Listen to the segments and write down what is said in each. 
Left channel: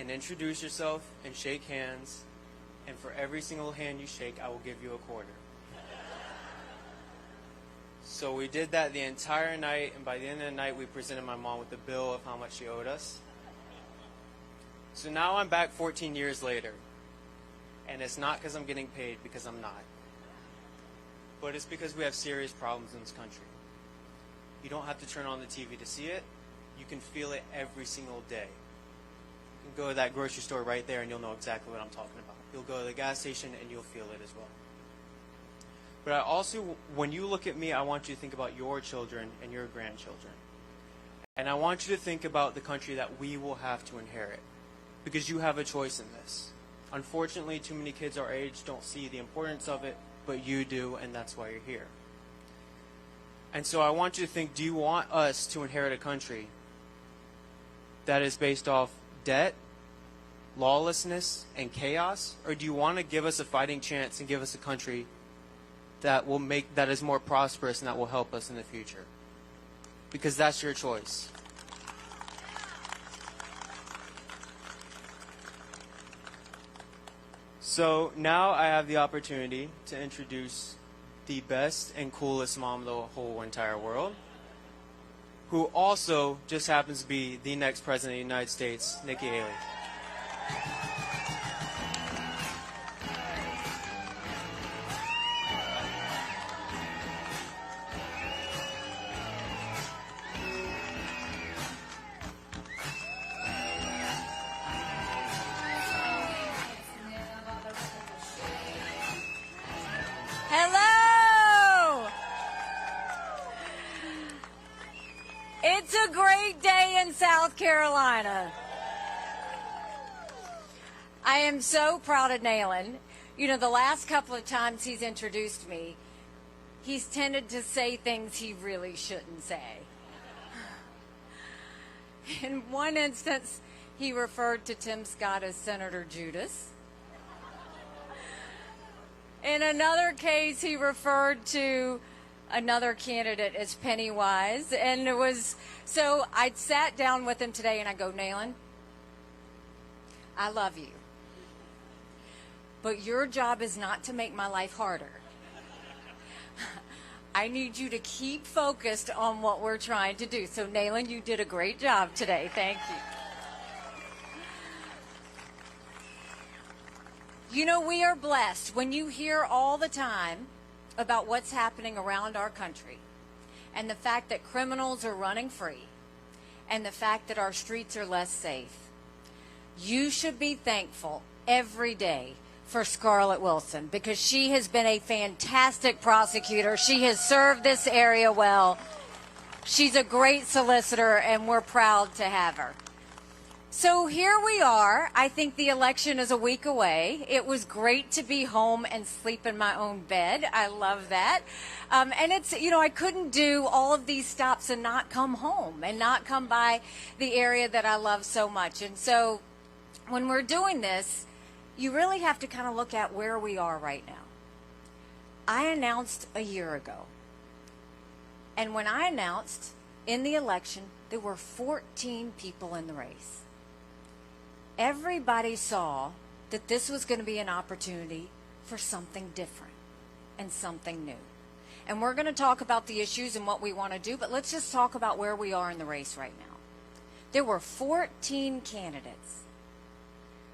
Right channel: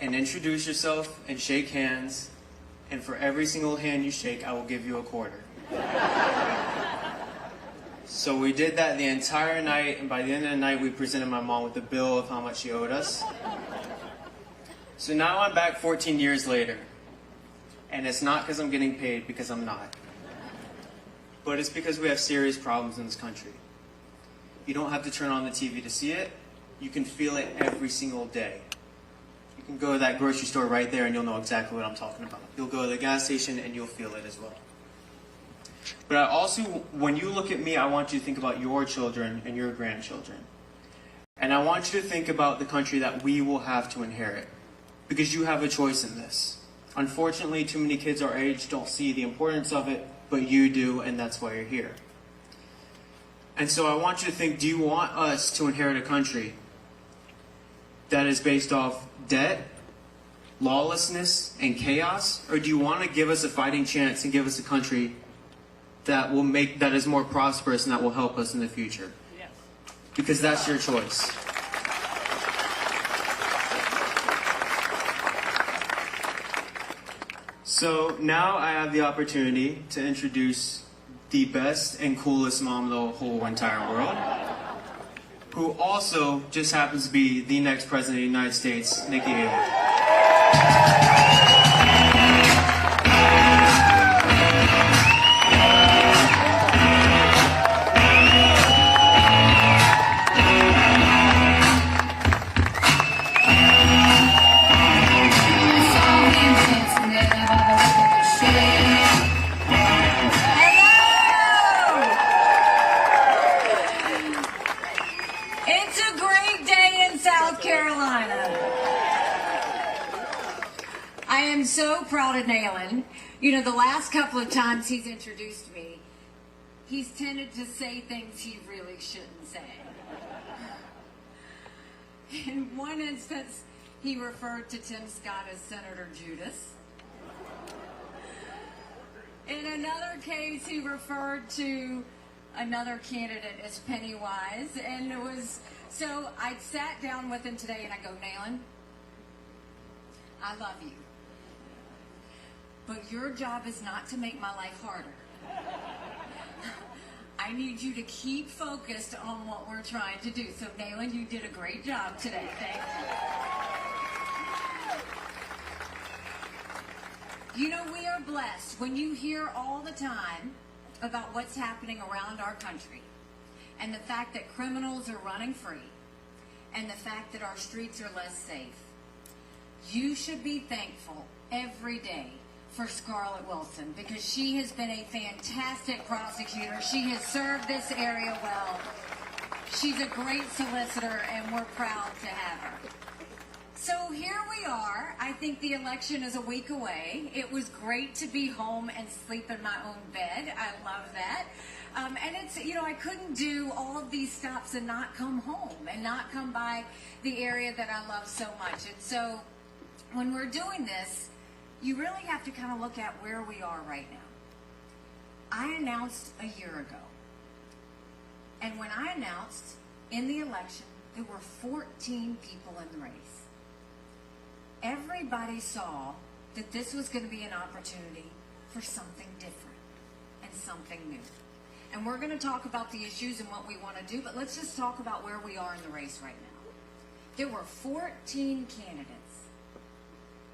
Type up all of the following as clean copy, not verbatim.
and introduce yourself and shake hands, and for every single hand you shake, I will give you a quarter. So we did that the entire night, and by the end of the night, we presented my mom with a bill of how much she owed us. So now I'm back 14 years later, and it's not because I'm getting paid, because I'm not. But it's because we have serious problems in this country. You don't have to turn on the TV to see it. You can feel it every single day. You can go to that grocery store right there and you'll know exactly what I'm talking about. You'll go to the gas station and you'll feel it as well. But I also, when you look at me, I want you to think about your children and your grandchildren. And I want you to think about the country that we will have to inherit. Because you have a choice in this. Unfortunately, too many kids our age don't see the importance of it, but you do, and that's why you're here. And so I want you to think, do you want us to inherit a country that is based off debt, lawlessness, and chaos? Or do you want to give us a fighting chance and give us a country that is more prosperous and that will help us in the future? Because that's your choice. So now I have the opportunity to introduce the best and coolest mom in the whole entire world, who also just happens to be the next president of the United States, Nikki Haley. So proud of Nayland. You know, the last couple of times he's introduced me, he's tended to say things he really shouldn't say. In one instance, he referred to Tim Scott as Senator Judas. In another case, he referred to another candidate as Pennywise. And it was, so I sat down with him today and I go, Nayland, I love you. But your job is not to make my life harder. I need you to keep focused on what we're trying to do. So, Nayland, you did a great job today. Thank you. You know, we are blessed when you hear all the time about what's happening around our country and the fact that criminals are running free and the fact that our streets are less safe. You should be thankful every day for Scarlett Wilson, because she has been a fantastic prosecutor. She has served this area well. She's a great solicitor, and we're proud to have her. So here we are. I think the election is a week away. It was great to be home and sleep in my own bed. I love that. And it's, you know, I couldn't do all of these stops and not come home and not come by the area that I love so much. And so when we're doing this, you really have to kind of look at where we are right now. I announced a year ago. And when I announced in the election, there were 14 people in the race. Everybody saw that this was going to be an opportunity for something different and something new. And we're going to talk about the issues and what we want to do, but let's just talk about where we are in the race right now. There were 14 candidates.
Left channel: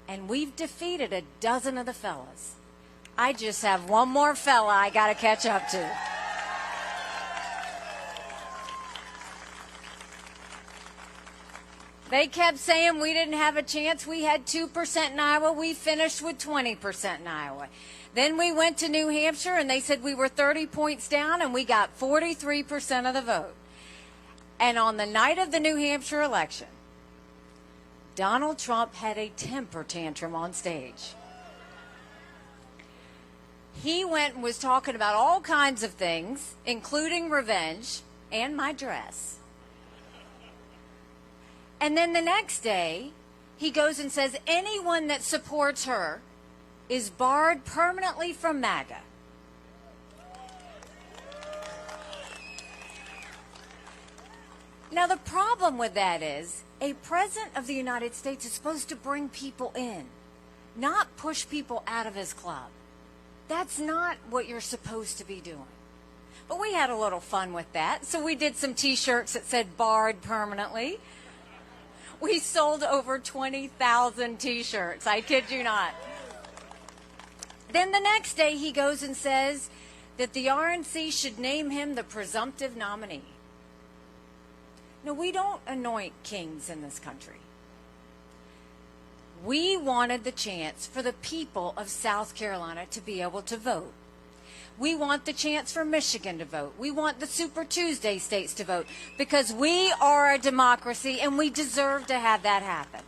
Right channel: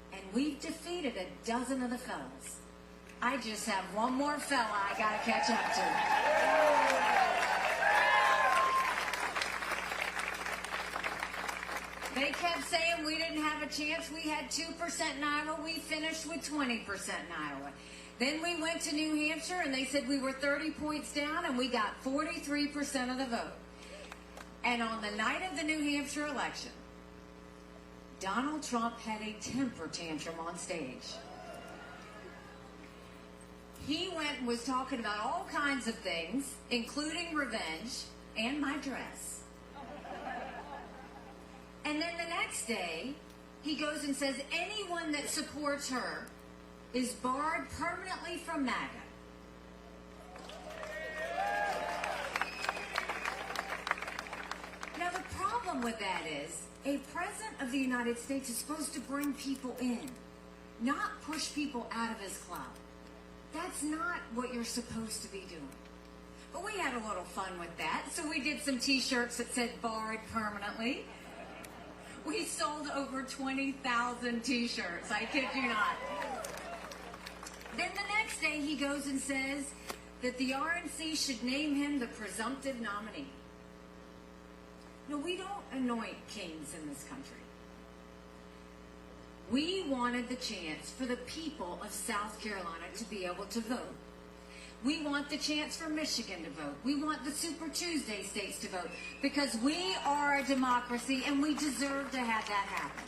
And we've defeated a dozen of the fellas. I just have one more fella I got to catch up to. They kept saying we didn't have a chance. We had 2% in Iowa. We finished with 20% in Iowa. Then we went to New Hampshire, and they said we were 30 points down, and we got 43% of the vote. And on the night of the New Hampshire election, Donald Trump had a temper tantrum on stage. He went and was talking about all kinds of things, including revenge and my dress. And then the next day, he goes and says anyone that supports her is barred permanently from MAGA. Now, the problem with that is a president of the United States is supposed to bring people in, not push people out of his club. That's not what you're supposed to be doing. But we had a little fun with that, so we did some t-shirts that said barred permanently. We sold over 20,000 t-shirts, I kid you not. Then the next day he goes and says that the RNC should name him the presumptive nominee. No, we don't anoint kings in this country. We wanted the chance for the people of South Carolina to be able to vote. We want the chance for Michigan to vote. We want the Super Tuesday states to vote because we are a democracy and we deserve to have that happen.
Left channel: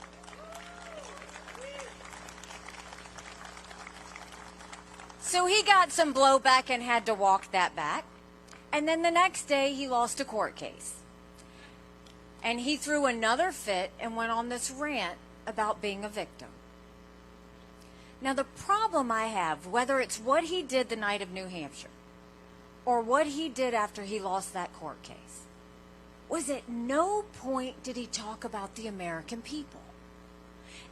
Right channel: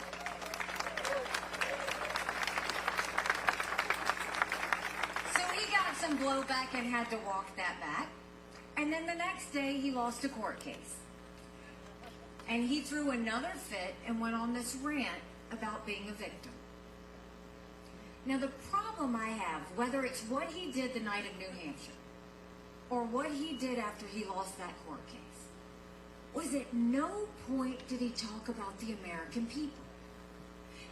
So he got some blowback and had to walk that back. And then the next day he lost a court case. And he threw another fit and went on this rant about being a victim. Now, the problem I have, whether it's what he did the night of New Hampshire or what he did after he lost that court case, was at no point did he talk about the American people.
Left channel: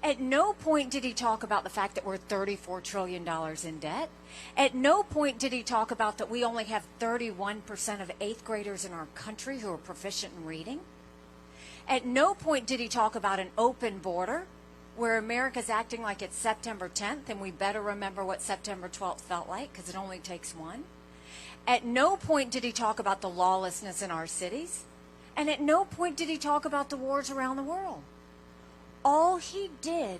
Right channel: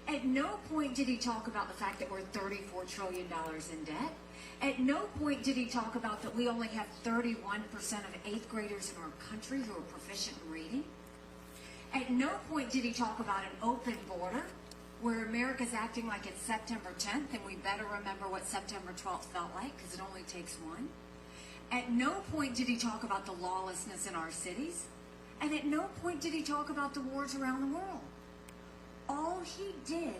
At no point did he talk about the fact that we're $34 trillion in debt. At no point did he talk about that we only have 31% of 8th graders in our country who are proficient in reading. At no point did he talk about an open border where America's acting like it's September 10th, and we better remember what September 12th felt like, because it only takes one. At no point did he talk about the lawlessness in our cities, and at no point did he talk about the wars around the world. All he did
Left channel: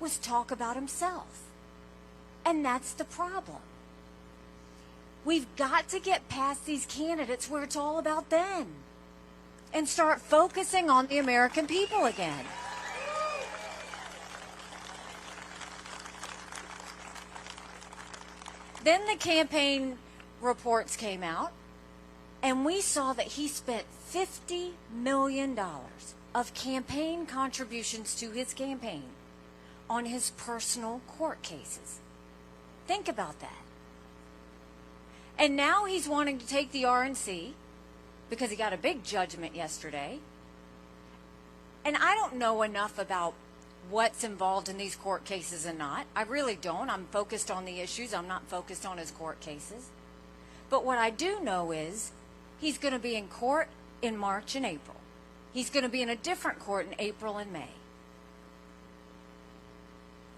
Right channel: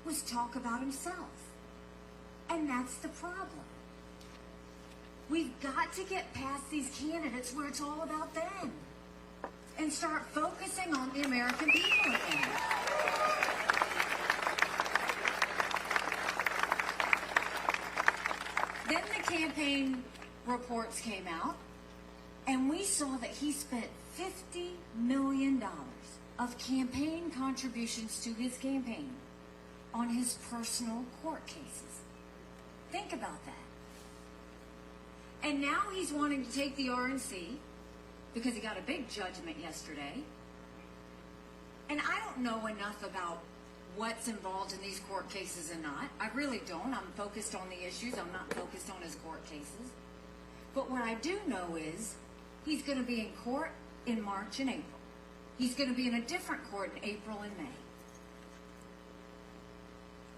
was talk about himself, and that's the problem. We've got to get past these candidates where it's all about them, and start focusing on the American people again. Then the campaign reports came out, and we saw that he spent $50 million of campaign contributions to his campaign on his personal court cases. Think about that. And now he's wanting to take the RNC because he got a big judgment yesterday. And I don't know enough about what's involved in these court cases and not. I really don't. I'm focused on the issues. I'm not focused on his court cases. But what I do know is he's going to be in court in March and April. He's going to be in a different court in April and May.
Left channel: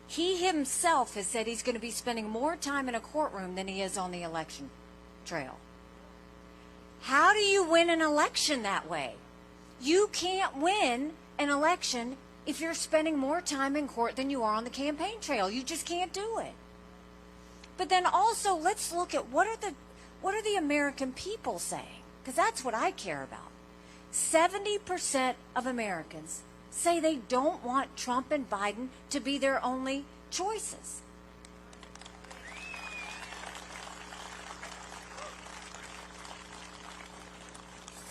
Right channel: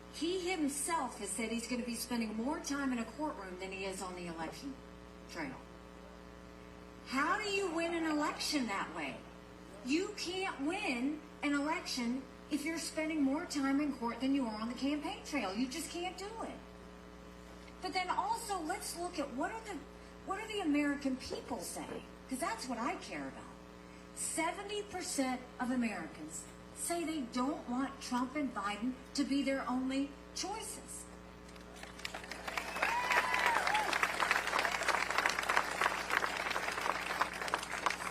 He himself has said he's going to be spending more time in a courtroom than he is on the election trail. How do you win an election that way? You can't win an election if you're spending more time in court than you are on the campaign trail. You just can't do it. But then also, let's look at what are the American people saying? Because that's what I care about. 70% of Americans say they don't want Trump and Biden to be their only choices.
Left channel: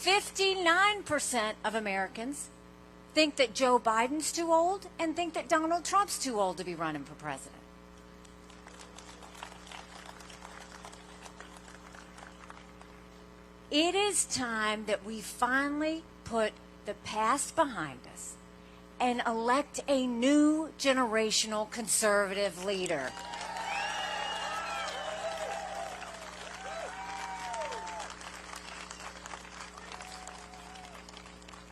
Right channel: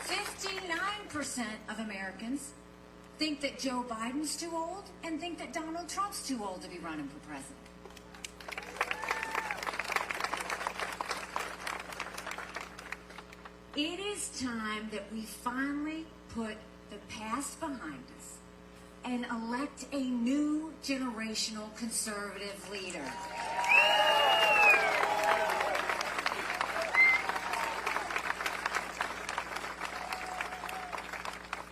%59% of Americans think that Joe Biden's too old and think that Donald Trump's too old to be running for president. It is time that we finally put the past behind us and elect a new generational conservative leader.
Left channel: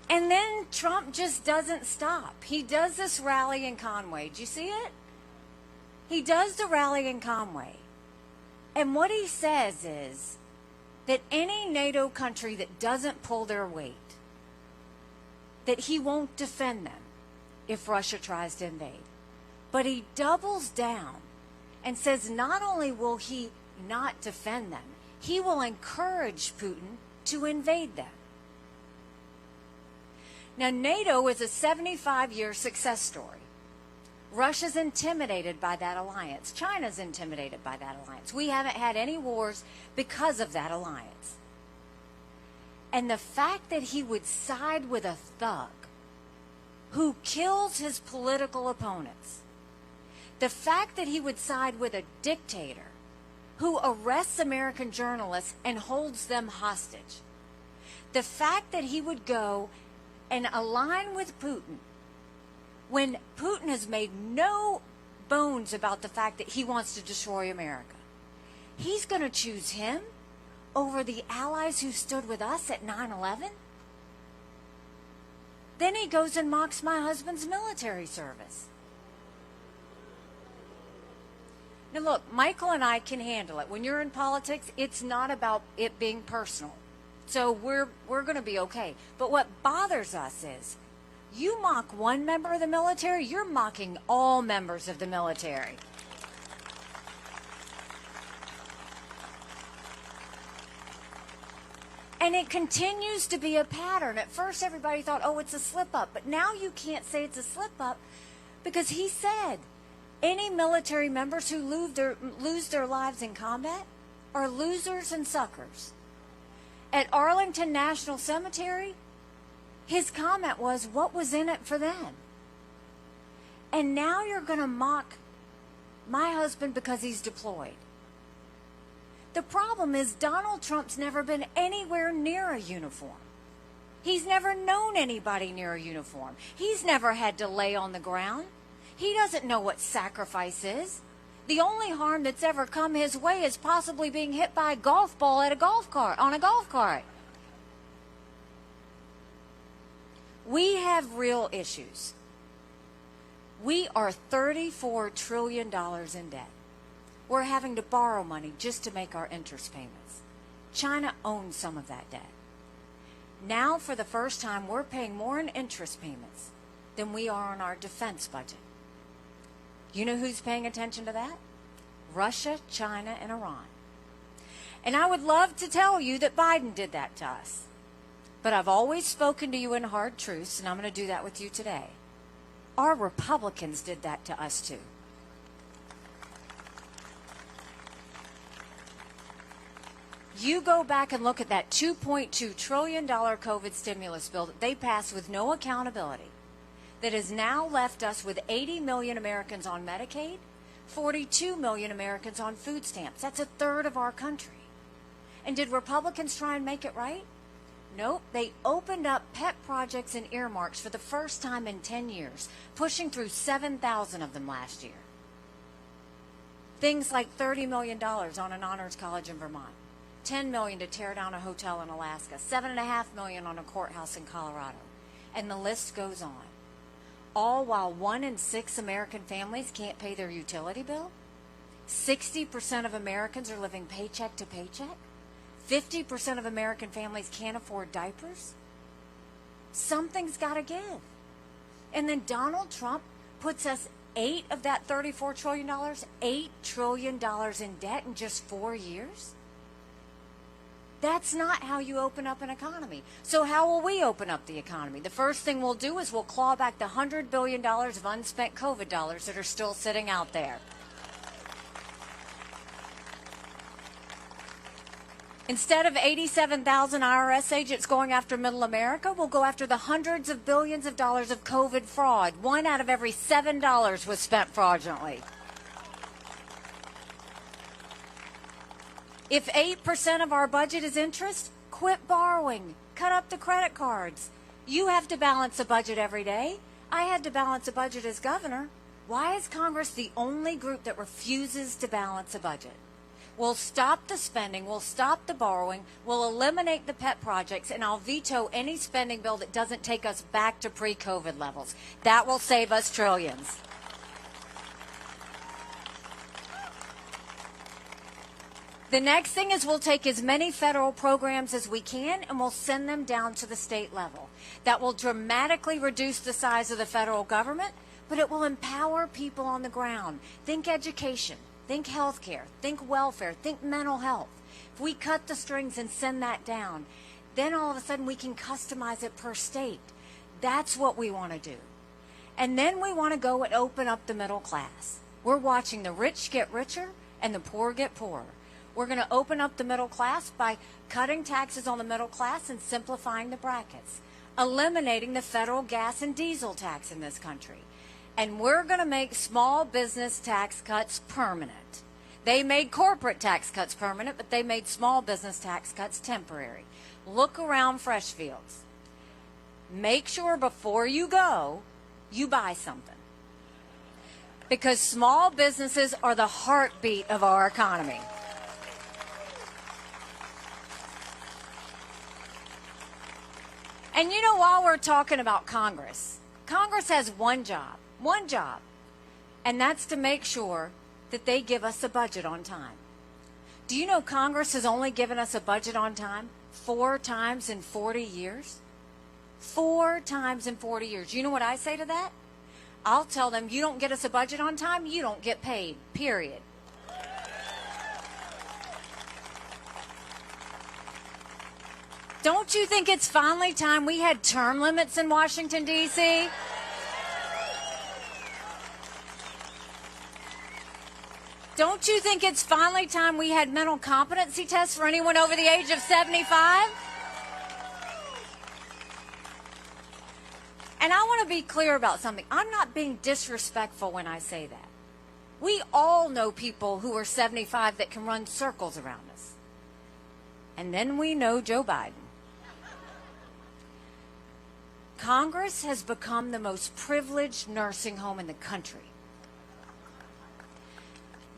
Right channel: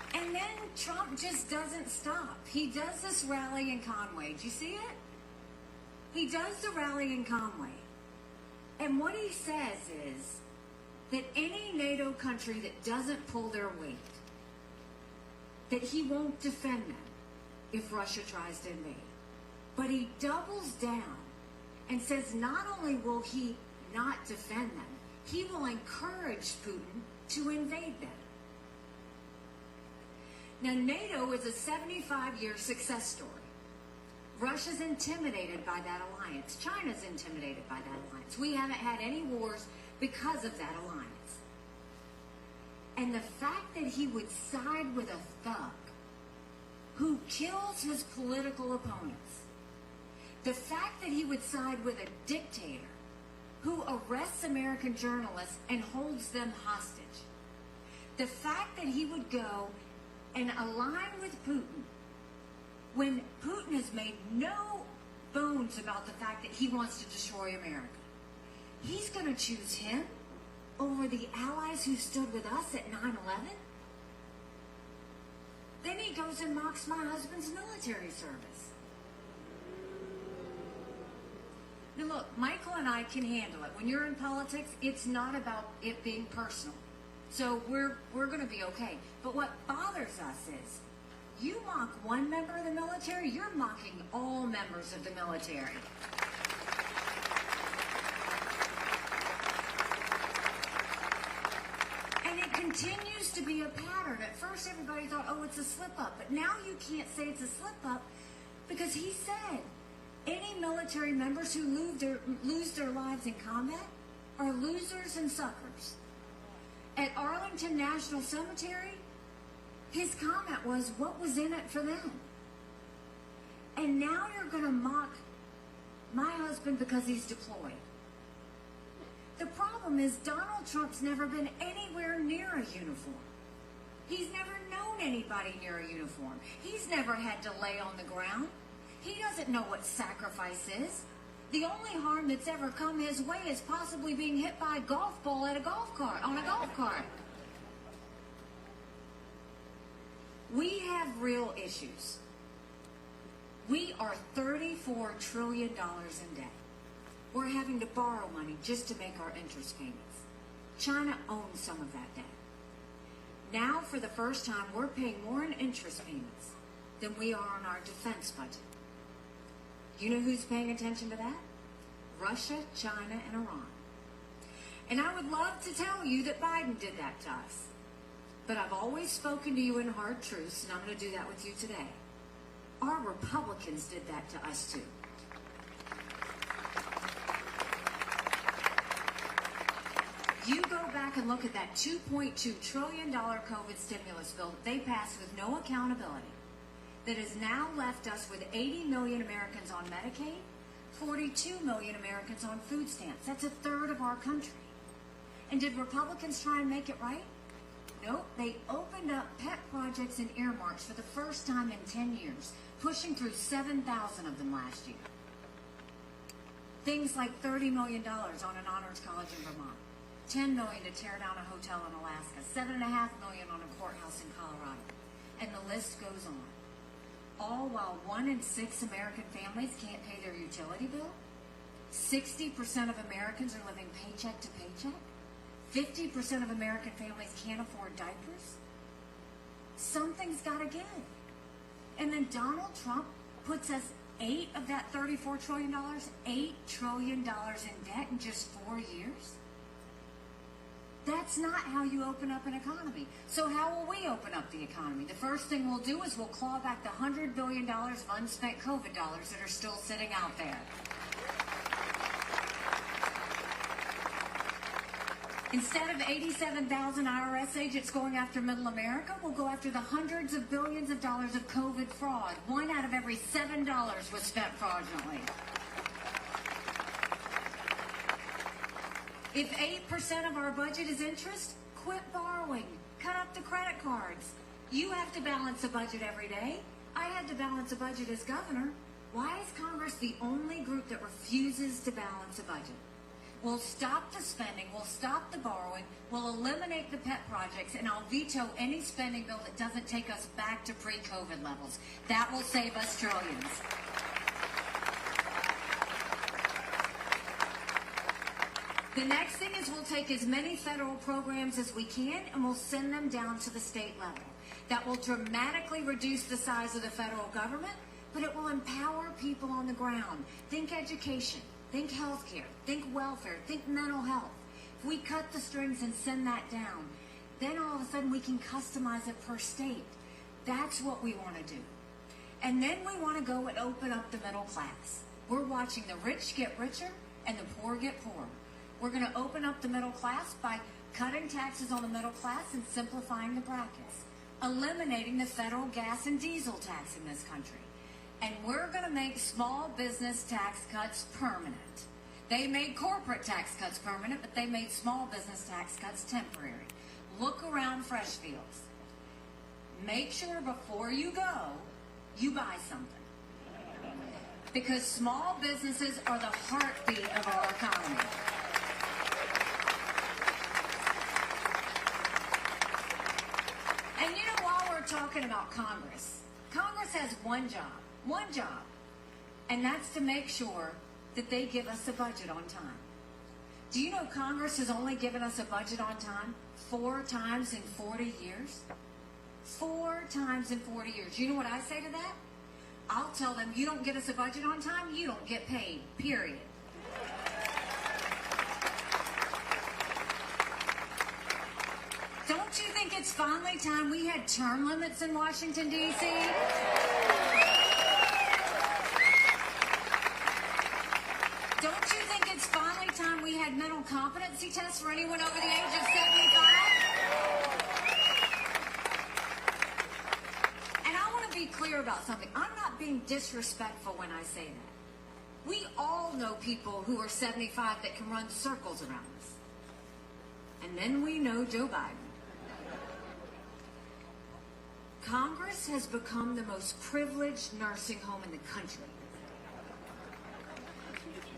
And then Trump just doesn't stop. He does this rally in Conway. Did you see it? He does the rally in Conway. And what he says is that any NATO country that doesn't pull their weight, that he won't defend them if Russia tries to invade. But he doubles down and says not only will he not defend them, he will encourage Putin to invade them. Now, NATO is a 75-year success story. Russia's intimidated by that alliance. China's intimidated by that alliance. We haven't had any wars because of that alliance. And the fact that he would side with a thug who kills his political opponents, the fact that he would side with a dictator who arrests American journalists and holds them hostage, the fact that he would go and align with Putin when Putin has made no bones about the fact that he wants to destroy America? He's going to choose him over the allies who stood with us at 9/11? Then he goes and mocks my husband's military service. Now look, Michael and I can handle it. When you're in politics, it's not about it being personal. So we're going to be okay. But what bothers us is, you mock one member of the military, you're mocking all members of the military. And it continues to be a pattern. At first everybody thought, oh, it's a slip-up. But now you can't say it's a slip-up because he said any military members who lose their lives in combat are losers and suckers. At Arlington National Cemetery, his comment was, what was in it for them? And now you're going to mock my husband because he's deployed. The problem is Donald Trump's never been anywhere near a uniform. He's never known anybody near a uniform. He's never had to lay on the ground. He doesn't know what sacrifice is. The only harm that's ever come his way is possibly being hit by a golf ball at on a golf cart. We have real issues. We are $34 trillion in debt. We're having to borrow money just to make our interest payments. China owns some of that debt. Now, for the first time, we're paying more in interest payments than we are on our defense budget. You know who's paying attention to that? Russia, China, and Iran. And I would love to tell you that Biden did that to us. But I've always spoken to you in hard truths, and I'm going to do that with you today. Our Republicans did that to us too. You go back and look at that $2.2 trillion COVID stimulus bill that they passed with no accountability, that has now left us with 80 million Americans on Medicaid, 42 million Americans on food stamps. That's a third of our country. And did Republicans try and make it right? Nope. They opened up pet projects and earmarks for the first time in 10 years, pushing through 7,000 of them last year. Things like $30 million on an honors college in Vermont, $10 million to tear down a hotel in Alaska, $7.5 million on a courthouse in Colorado, and the list goes on. All while 1 in 6 American families can't pay their utility bill. 60% of Americans are living paycheck to paycheck. 50% of American families can't afford diapers. Something's got to give. And then Donald Trump puts us 8 of that $34 trillion, $8 trillion in debt in just 4 years. That's not how you open up an economy. So how will we open up the economy? The first thing we'll do is we'll claw back the $100 billion of unspent COVID dollars that are still sitting out there. Instead of 87,000 IRS agents going after middle America, we'll go after the hundreds of billions of dollars of COVID fraud. 1 out of every $7 was spent fraudulently. If 8% of our budget is interest, quit borrowing. Cut up the credit cards. You have to balance a budget every day. I had to balance a budget as governor. Why is Congress the only group that refuses to balance a budget? We'll stop the spending, we'll stop the borrowing, we'll eliminate the pet projects, and I'll veto any spending bill that doesn't take us back to pre-COVID levels. That will save us trillions. The next thing is we'll take as many federal programs as we can and we'll send them down to the state level. That will dramatically reduce the size of the federal government, but it will empower people on the ground. Think education, think healthcare, think welfare, think mental health. If we cut the strings and send that down, then all of a sudden we can customize it per state. That's what we want to do. And then we want to go and open up the middle class. We're watching the rich get richer and the poor get poorer. We're going to open up the middle class by cutting taxes on the middle class and simplifying the brackets, eliminating the federal gas and diesel tax in this country. And we're going to make small business tax cuts permanent. They made corporate tax cuts permanent, but they made small business tax cuts temporary. Look around Freshfields. make sure before you go, you buy something. Because small businesses are the heartbeat of our economy. And you know, while we're talking about Congress, Congress has one job, and that's to make sure that they give us a budget on time. Do you know Congress has only given us a budget on time 4 times in 40 years? 4 times in 40 years. You know what I say to that? I'll tell them, you don't get us a budget on time, you don't get paid, period. Don't you think it's finally time we had term limits in Washington, D.C.? Don't you think it's finally time we had mental competency tests for anyone over the age of 75? And I want to be clear about something. I'm not being disrespectful when I say that. We all know people who are 75 that can run circles around us. And then we know Joe Biden. Congress has become the most privileged nursing home in the country.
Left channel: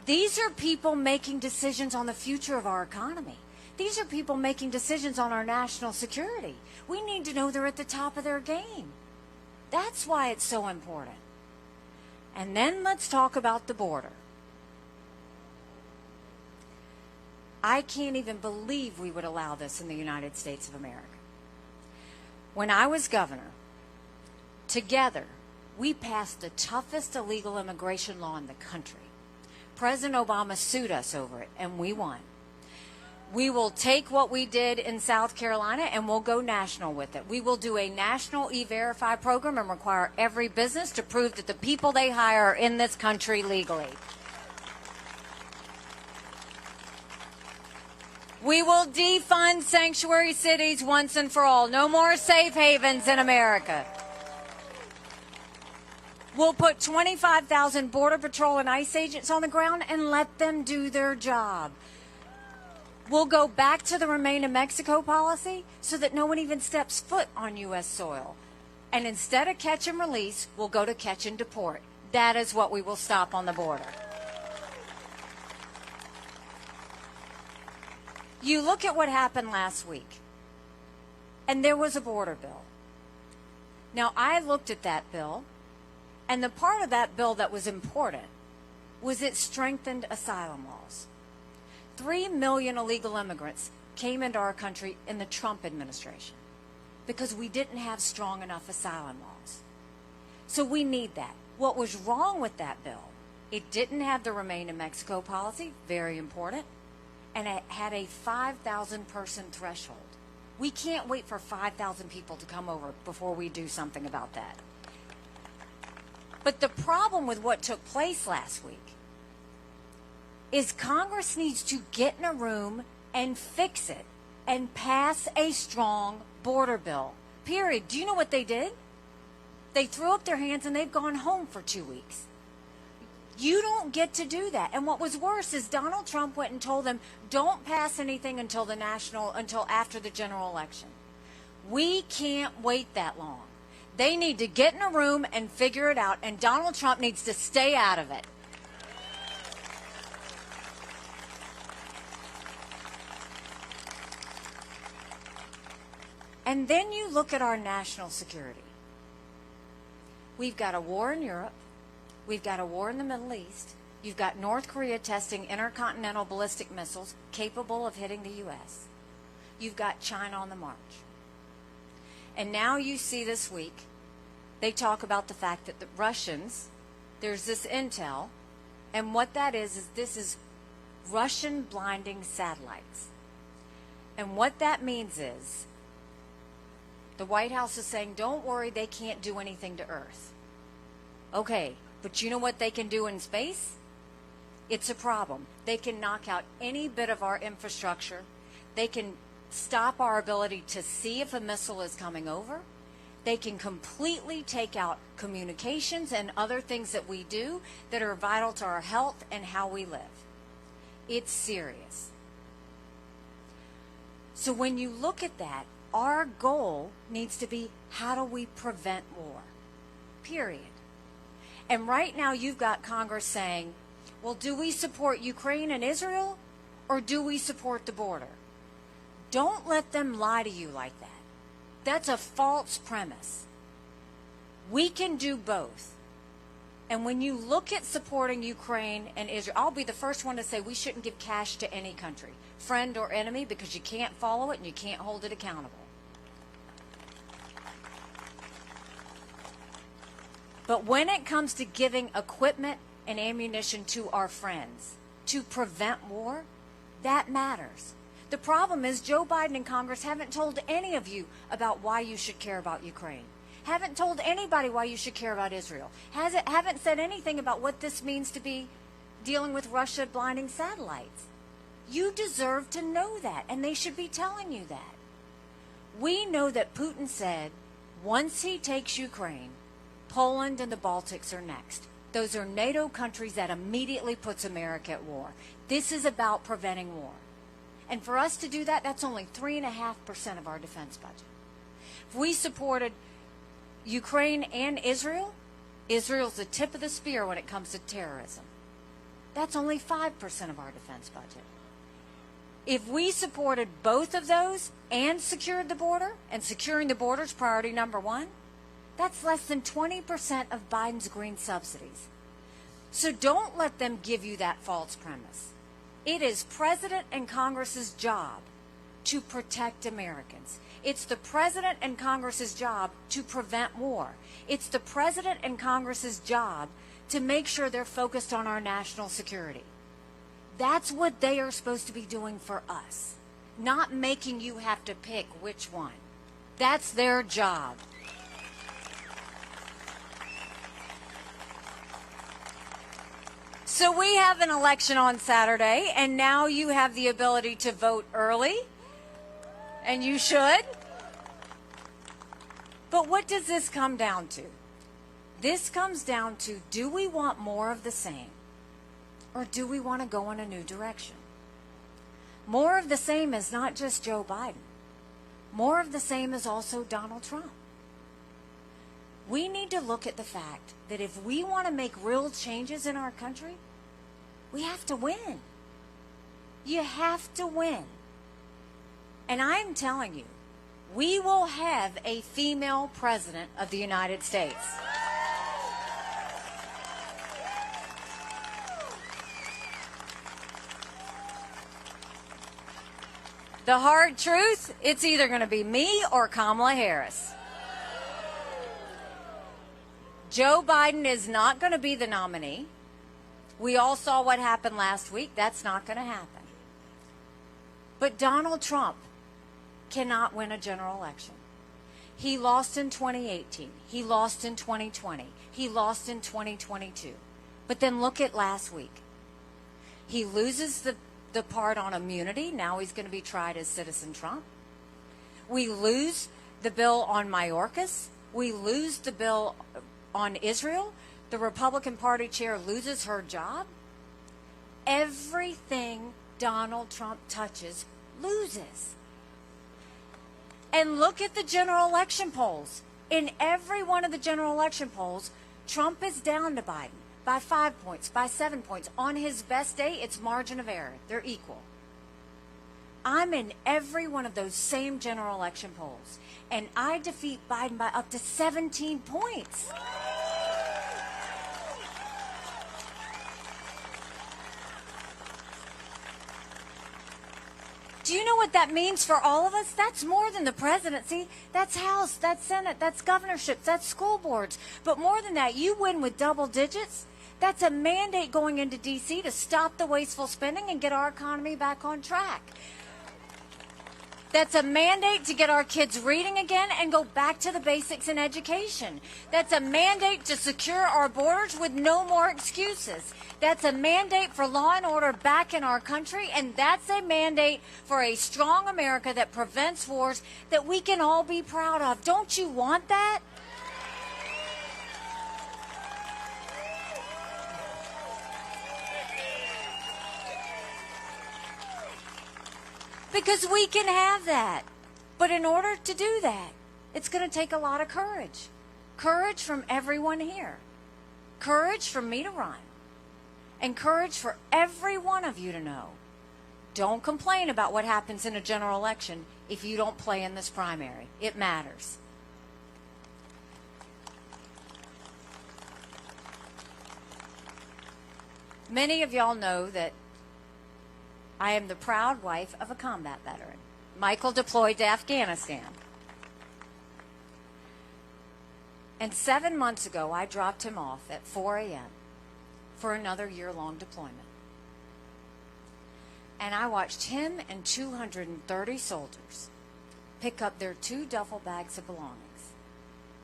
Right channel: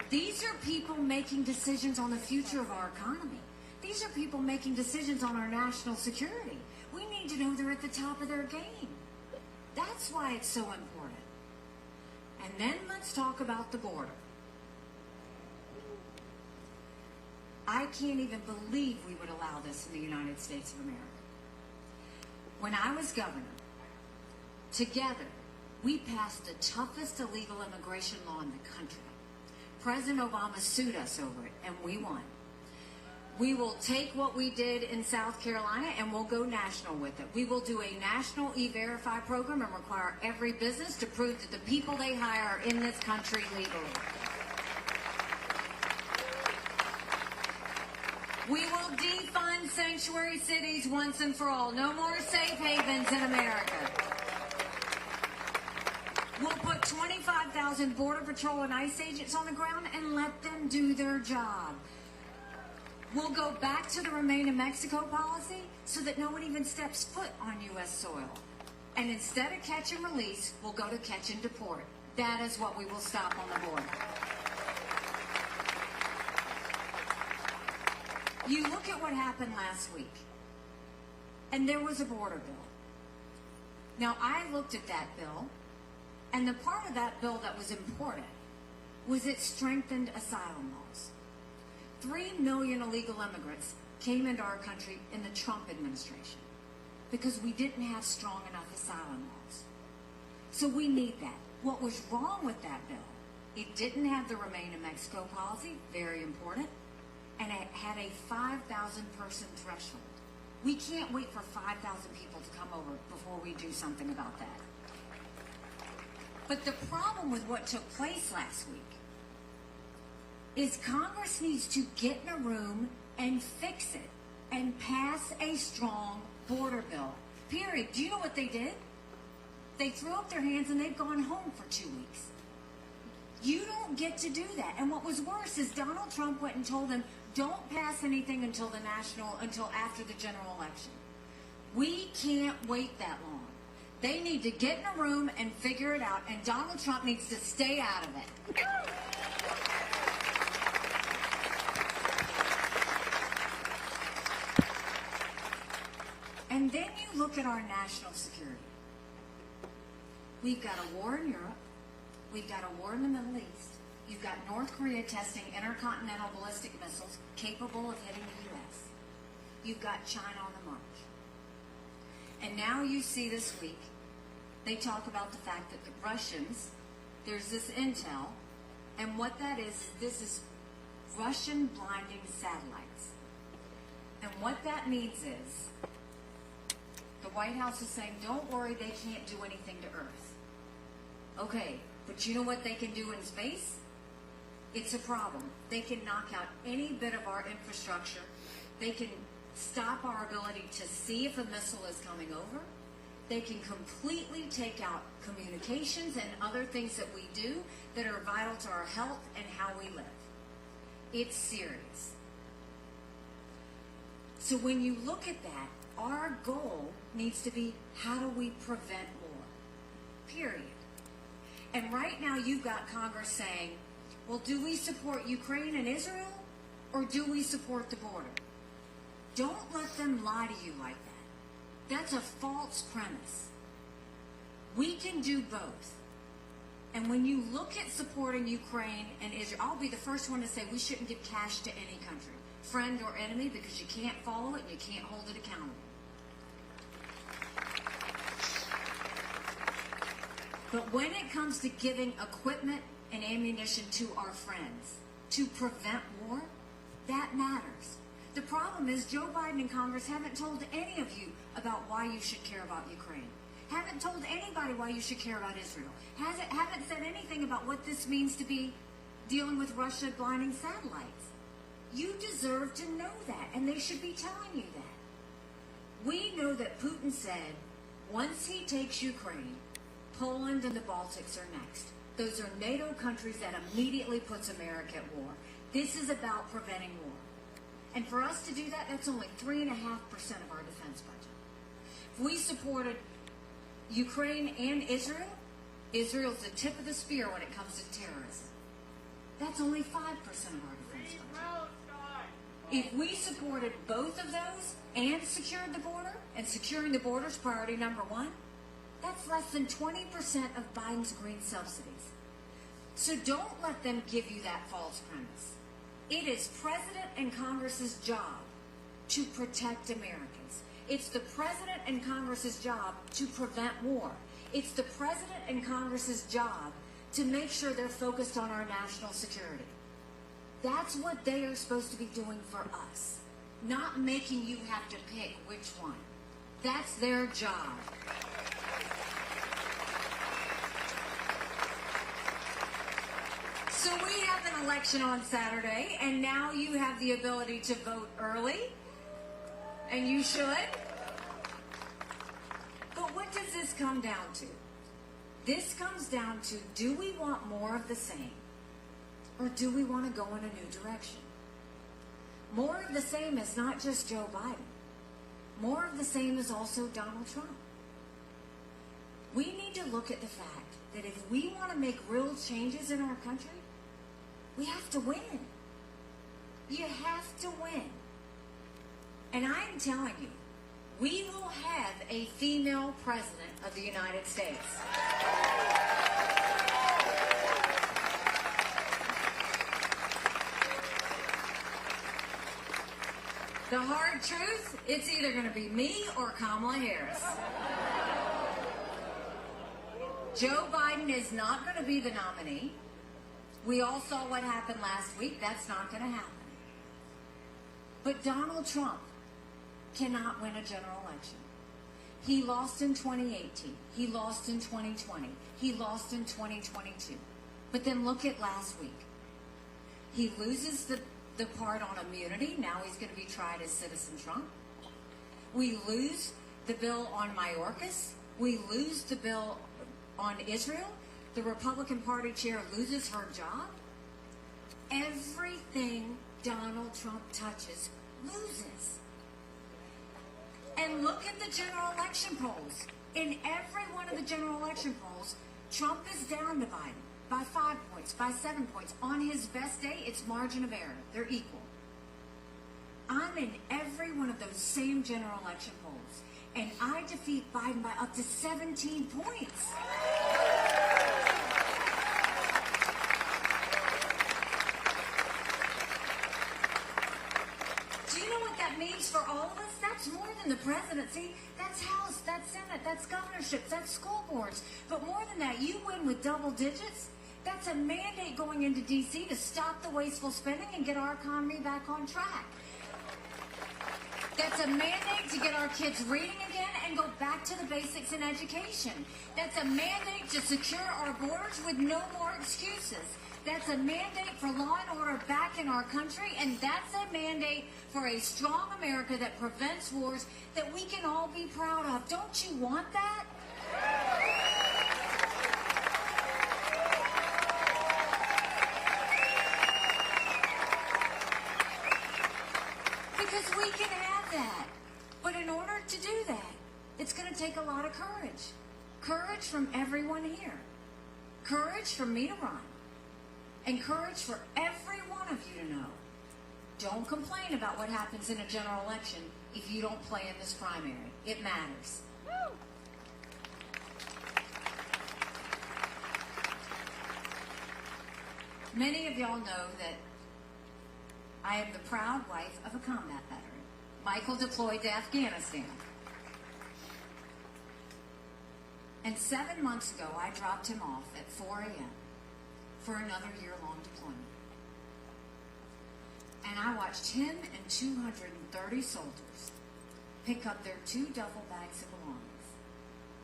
These are people making decisions on the future of our economy. These are people making decisions on our national security. We need to know they're at the top of their game. That's why it's so important. And then let's talk about the border. I can't even believe we would allow this in the United States of America. When I was governor, together, we passed the toughest illegal immigration law in the country. President Obama sued us over it, and we won. We will take what we did in South Carolina and we'll go national with it. We will do a national E-Verify program and require every business to prove that the people they hire are in this country legally. We will defund sanctuary cities once and for all. No more safe havens in America. We'll put 25,000 Border Patrol and ICE agents on the ground and let them do their job. We'll go back to the Remain in Mexico policy so that no one even steps foot on U.S. soil. And instead of catch and release, we'll go to catch and deport. That is what we will stop on the border. You look at what happened last week, and there was a border bill. Now, I looked at that bill, and the part of that bill that was important was it strengthened asylum laws. 3 million illegal immigrants came into our country in the Trump administration because we didn't have strong enough asylum laws. So we need that. What was wrong with that bill? It didn't have the Remain in Mexico policy, very important, and it had a 5,000 person threshold. We can't wait for 5,000 people to come over before we do something about that. But the problem with what took place last week is Congress needs to get in a room and fix it and pass a strong border bill. Period. Do you know what they did? They threw up their hands and they've gone home for 2 weeks. You don't get to do that. And what was worse is Donald Trump went and told them, don't pass anything until after the general election. We can't wait that long. They need to get in a room and figure it out, and Donald Trump needs to stay out of it. And then you look at our national security. We've got a war in Europe. We've got a war in the Middle East. You've got North Korea testing intercontinental ballistic missiles capable of hitting the U.S. You've got China on the march. And now you see this week, they talk about the fact that the Russians, there's this intel, and what that is this is Russian blinding satellites. And what that means is the White House is saying, don't worry, they can't do anything to Earth. Okay, but you know what they can do in space? It's a problem. They can knock out any bit of our infrastructure. They can stop our ability to see if a missile is coming over. They can completely take out communications and other things that we do that are vital to our health and how we live. It's serious. So when you look at that, Our goal needs to be, how do we prevent war? Period. And right now you've got Congress saying, well, do we support Ukraine and Israel, or do we support the border? Don't let them lie to you like that. That's a false premise. We can do both. And when you look at supporting Ukraine and Israel, I'll be the first one to say we shouldn't give cash to any country, friend or enemy, because you can't follow it and you can't hold it accountable. But when it comes to giving equipment and ammunition to our friends to prevent war, that matters. The problem is Joe Biden and Congress haven't told any of you about why you should care about Ukraine. Haven't told anybody why you should care about Israel. Haven't said anything about what this means to be dealing with Russia blinding satellites. You deserve to know that, and they should be telling you that. We know that Putin said, once he takes Ukraine, Poland and the Baltics are next. Those are NATO countries that immediately puts America at war. This is about preventing war. And for us to do that, that's only 3.5% of our defense budget. If we supported Ukraine and Israel, Israel's the tip of the spear when it comes to terrorism. That's only 5% of our defense budget. If we supported both of those and secured the border, and securing the border is priority number one, that's less than 20% of Biden's green subsidies. So don't let them give you that false premise. It is President and Congress's job to protect Americans. It's the President and Congress's job to prevent war. It's the President and Congress's job to make sure they're focused on our national security. That's what they are supposed to be doing for us, not making you have to pick which one. That's their job. So we have an election on Saturday, and now you have the ability to vote early, and you should. But what does this come down to? This comes down to, do we want more of the same, or do we want to go in a new direction? More of the same is not just Joe Biden. More of the same is also Donald Trump. We need to look at the fact that if we want to make real changes in our country, we have to win. You have to win. And I'm telling you, we will have a female president of the United States. The hard truth, it's either going to be me or Kamala Harris. Joe Biden is not going to be the nominee. We all saw what happened last week. That's not going to happen. But Donald Trump cannot win a general election. He lost in 2018. He lost in 2020. He lost in 2022. But then look at last week. He loses the part on immunity. Now he's going to be tried as Citizen Trump. We lose the bill on Mayorkas. We lose the bill on Israel. The Republican Party chair loses her job. Everything Donald Trump touches loses. And look at the general election polls. In every one of the general election polls, Trump is down to Biden by 5 points, by 7 points. On his best day, it's margin of error. They're equal. I'm in every one of those same general election polls, and I defeat Biden by up to 17 points. Do you know what that means for all of us? That's more than the presidency. That's House, that's Senate, that's governorships, that's school boards. But more than that, you win with double digits. That's a mandate going into D.C. to stop the wasteful spending and get our economy back on track. That's a mandate to get our kids reading again and go back to the basics in education. That's a mandate to secure our borders with no more excuses. That's a mandate for law and order back in our country, and that's a mandate for a strong America that prevents wars that we can all be proud of. Don't you want that? Because we can have that. But in order to do that, it's going to take a lot of courage. Courage from everyone here. Courage from me to run. And courage for every one of you to know. Don't complain about what happens in a general election if you don't play in this primary. It matters. Many of y'all know that I am the proud wife of a combat veteran. Michael deployed to Afghanistan. And 7 months ago, I dropped him off at 4 a.m. for another year-long deployment. And I watched him and 230 soldiers pick up their 2 duffel bags of belongings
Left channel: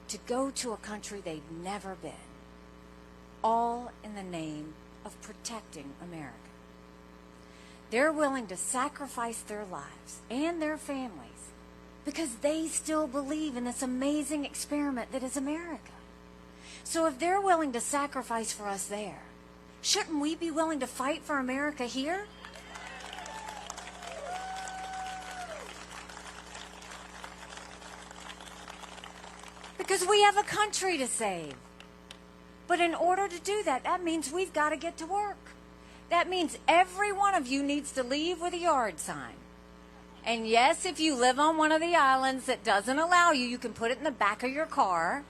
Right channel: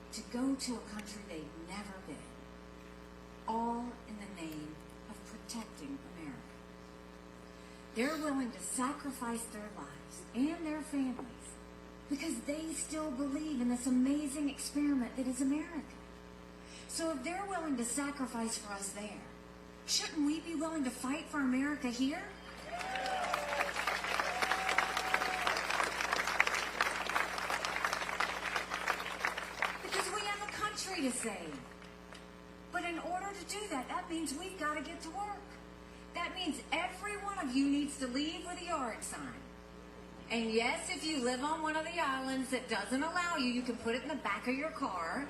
to go to a country they'd never been, all in the name of protecting America. They're willing to sacrifice their lives and their families because they still believe in this amazing experiment that is America. So if they're willing to sacrifice for us there, shouldn't we be willing to fight for America here? Because we have a country to save. But in order to do that, that means we've got to get to work. That means every one of you needs to leave with a yard sign. And yes, if you live on one of the islands that doesn't allow you, you can put it in the back of your car.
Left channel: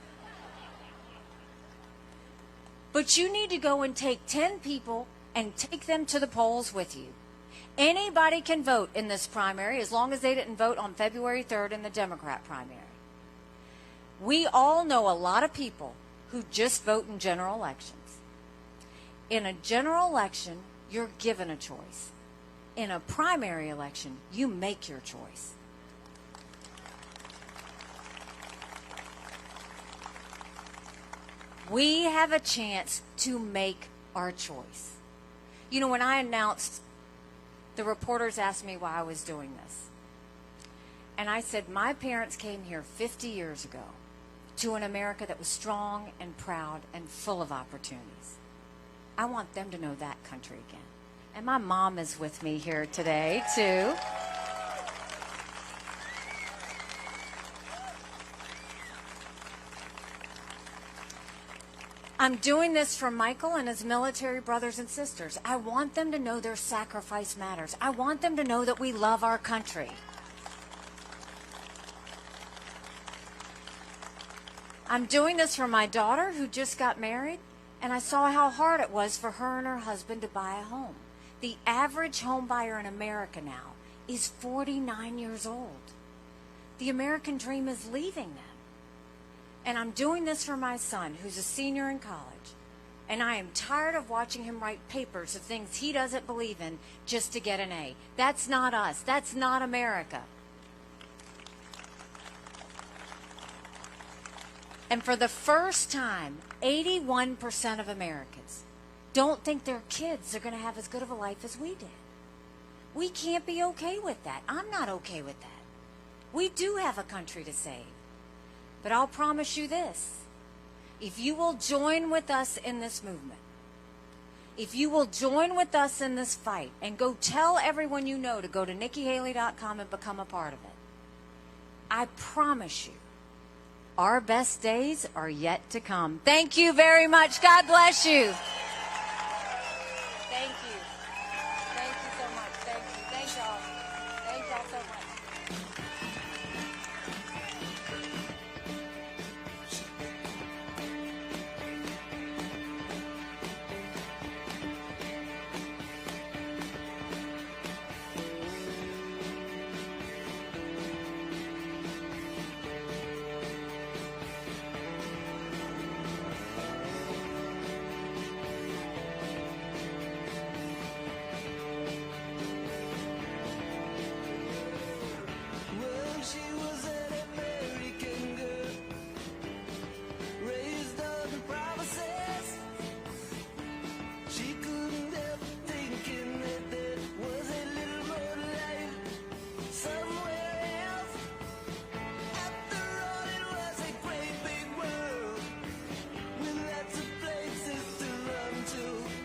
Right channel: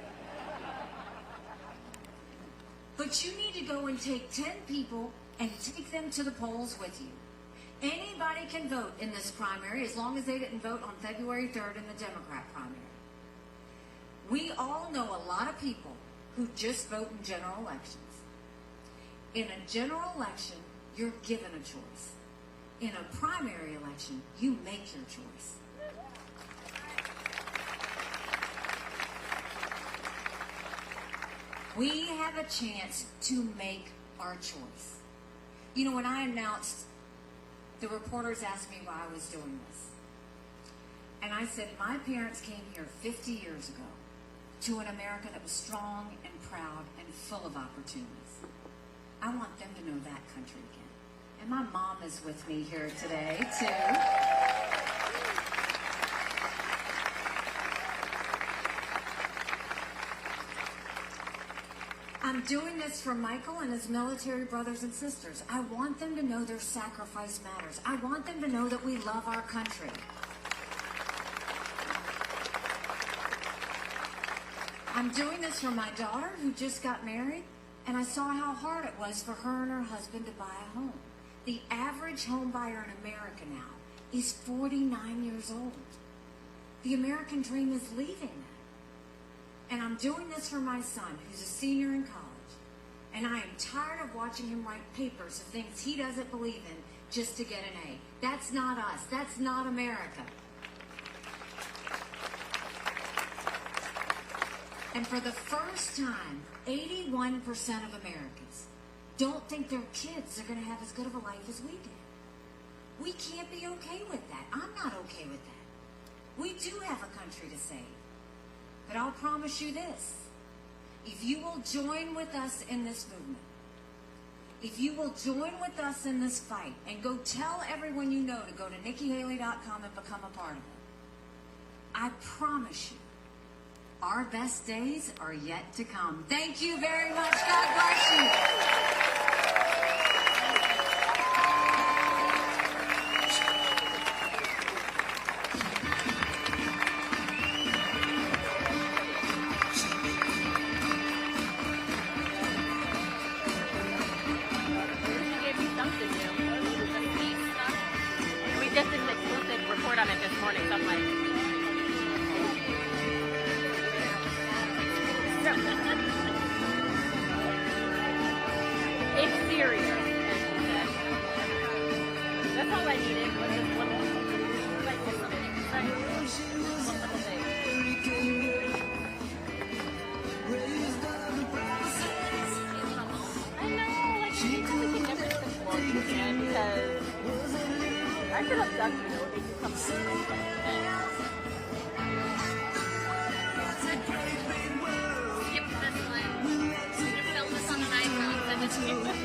But you need to go and take 10 people and take them to the polls with you. Anybody can vote in this primary as long as they didn't vote on February 3rd in the Democrat primary. We all know a lot of people who just vote in general elections. In a general election, you're given a choice. In a primary election, you make your choice. We have a chance to make our choice. You know, when I announced, the reporters asked me why I was doing this. And I said, my parents came here 50 years ago to an America that was strong and proud and full of opportunities. I want them to know that country again. And my mom is with me here today, too. I'm doing this for Michael and his military brothers and sisters. I want them to know their sacrifice matters. I want them to know that we love our country. I'm doing this for my daughter who just got married, and I saw how hard it was for her and her husband to buy a home. The average home buyer in America now is 49 years old. The American dream is leaving them. And I'm doing this for my son, who's a senior in college. And I am tired of watching him write papers of things he doesn't believe in just to get an A. That's not us. That's not America. And for the first time, 81% of Americans don't think their kids are going to have as good of a life as we did. We can't be okay with that. I'm not okay with that. We do have a country to save. But I'll promise you this. If you will join with us in this movement, if you will join with us in this fight and go tell everyone you know to go to NikkiHaley.com and become a part of it, I promise you, our best days are yet to come. Thank you very much. God bless you. We just did an exclusive report on it this morning, so I'm like, it's serious. That's all I needed was just one like one little thing. Right? One little thing. I know, like you know, we can never really explore this again because I could have done, you know, maybe something.